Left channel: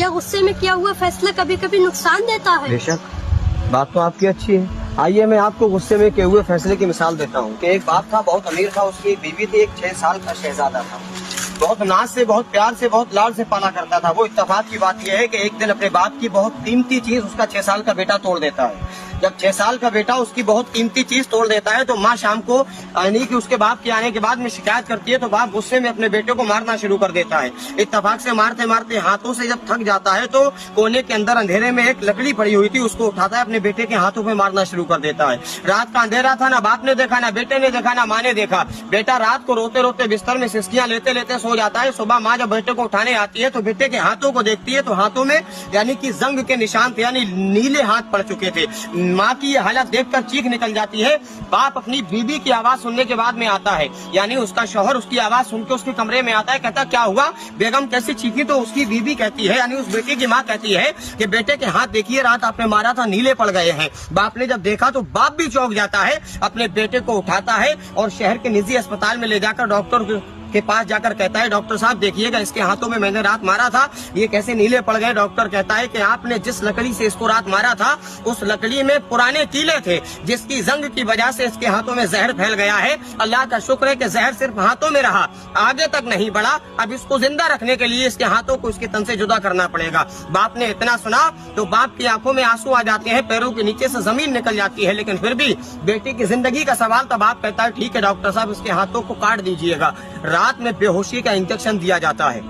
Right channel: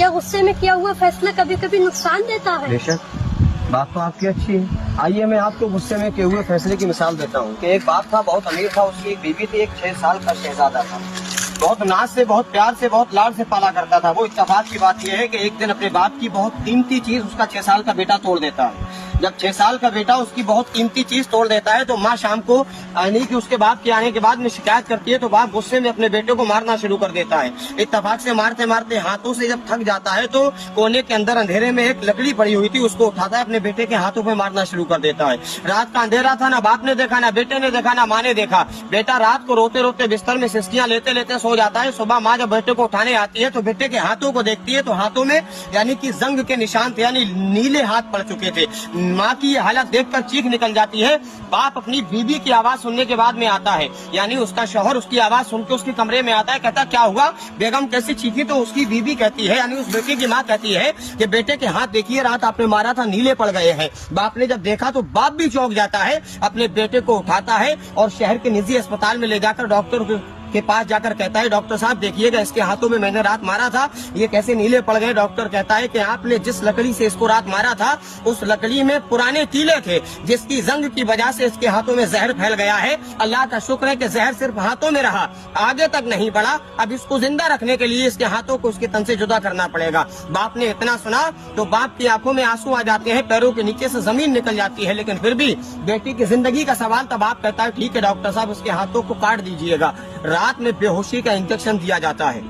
क्या गुस्से में किया हुआ फैसला कभी कभी नुकसान देता है? बेशक, बात तो आपकी अच्छी है। आइए मैं आपको गुस्से में किए हुए फैसले की मिसाल देता हूँ कि एक बाप था, बहुत अमीर था, उसकी एक बीवी थी, एक 6 साल का शहजादा था। बहुत नाज से, बहुत प्यार से, बहुत लाड से पाला करता था। वो इत्तेफाक की बात यह है कि एक दिन अपने बाप की बहुत कीमती चीज उसका 6 साल का बेटा तोड़ देता है। जब 6 साल का बेटा उसकी बहुत कीमती चीज तोड़ देता है तो माँ शाम को यानी कि उसके बाप के आने के बाद में शिकायत करती है तो बाप गुस्से में अपने बेटे को मारना शुरू कर देता है। इत्तेफाक से मारते मारते हाथों से जब थक जाता है तो कोने के अंदर अंधेरे में एक लकड़ी पड़ी हुई थी, उसको उठाता है, अपने बेटे के हाथों पे मारना शुरू कर देता है। रात का अंधेरा था, ना बाप ने देखा, ना बेटे ने देखा, ना माँ ने देखा। बेटा रात को रोते रोते बिस्तर में सिसकियां लेते लेते सो जाता है। सुबह माँ जब बेटे को उठाने आती है तो बेटे के हाथों को देखती है तो हाथों में यानी कि जंग के निशान थे, यानी नीले हाथ पड़ चुके थे। माँ की ये हालत देखकर चीख निकल जाती है। बाप अपनी बीवी की आवाज सुनने के बाद में आता है, यानी उसका शौहर उसकी आवाज सुन के उसके कमरे में आता है। कहता क्या हुआ बेगम, कैसे चीखी? तो उसकी बीवी कहती है, यानी उस बेटे की माँ कहती है कि बेटे के हाथ देखिए, रात आपने मारा था, नीले पड़ गए हैं। बाप ने जब देखा तो बाप भी चौंक जाता है, अपने बेटे को उठाता है और शहर के निजी अस्पताल में ले जाकर डॉक्टर के पास जाकर कहता है, डॉक्टर साहब देखिएगा, इसके हाथों में मैंने रात मारा था, ये कैसे नीले पड़ गए? डॉक्टर कहता है कि आपने जिस लकड़ी से इसको रात मारा था उस लकड़ी में पुराने कीले थे, जिसकी जंग की वजह से इसके हाथों में जहर फैल गया है। अल्लाह का शुक्र है कि जहर सिर्फ हाथों में रहा, आगे तक नहीं बढ़ा। अब इसको जिंदा रखने के लिए इसके हाथों को इसके तन से जुदा करना पड़ेगा। बाप ने इतना सुना तो बाप की आंखों में आंसू आ जाते हैं, पैरों के नीचे से जमीन निकल जाती है, लेकिन फिर भी बेटी की जिंदगी का सवाल था। बाप कहता है ठीक है डॉक्टर साहब, उसके हाथों को काट दीजिएगा। रात में बेहोशी का इंजेक्शन दिया जाता है।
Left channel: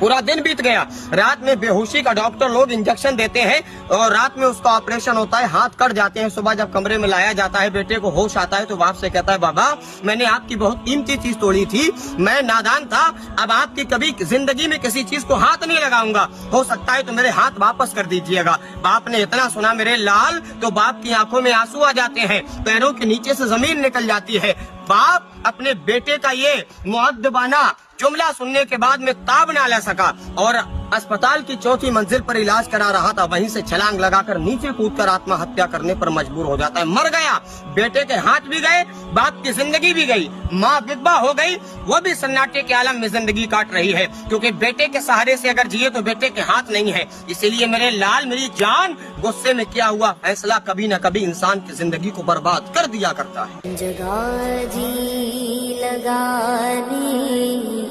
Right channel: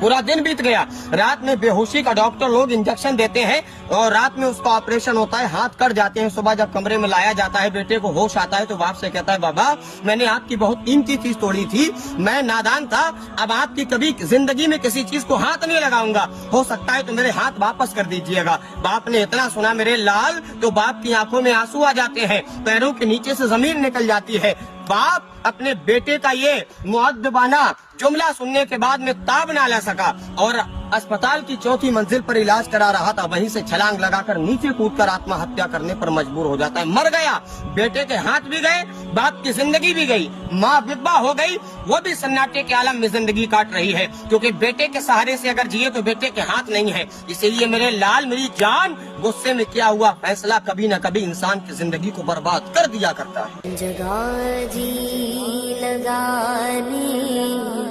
पूरा दिन बीत गया, रात में बेहोशी का डॉक्टर लोग इंजेक्शन देते हैं और रात में उसका ऑपरेशन होता है, हाथ कट जाते हैं। सुबह जब कमरे में लाया जाता है, बेटे को होश आता है तो बाप से कहता है, बाबा मैंने आपकी बहुत कीमती चीज तोड़ी थी, मैं नादान था, अब आपकी कभी जिंदगी में किसी चीज को हाथ नहीं लगाऊंगा, हो सकता है तो मेरे हाथ वापस कर दीजिएगा। बाप ने इतना सुना मेरे लाल तो बाप की आंखों में आंसू आ जाते हैं, पैरों के नीचे से जमीन निकल जाती है। बाप अपने बेटे का ये मुअद्दबाना जुमला सुनने के बाद में ताब ना ले सका और अस्पताल की 4थी मंजिल पर इलाज करा रहा था, वहीं से छलांग लगाकर नीचे कूदकर आत्महत्या करने पर मजबूर हो जाता है। मर गया, बेटे के हाथ भी गए, बाप की जिंदगी भी गई, माँ विधवा हो गई, वो भी सन्नाटे के आलम में जिंदगी काट रही है, क्योंकि बेटे के सहारे से अगर जिए तो बेटे के हाथ नहीं है। इसीलिए मेरे लाल मेरी जान, गुस्से में किया हुआ फैसला कभी न कभी इंसान की जिंदगी को बर्बाद कर दिया करता है। जगह जी लगाने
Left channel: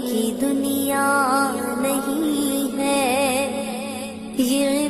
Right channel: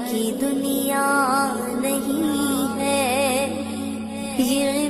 की दुनिया नहीं है ये।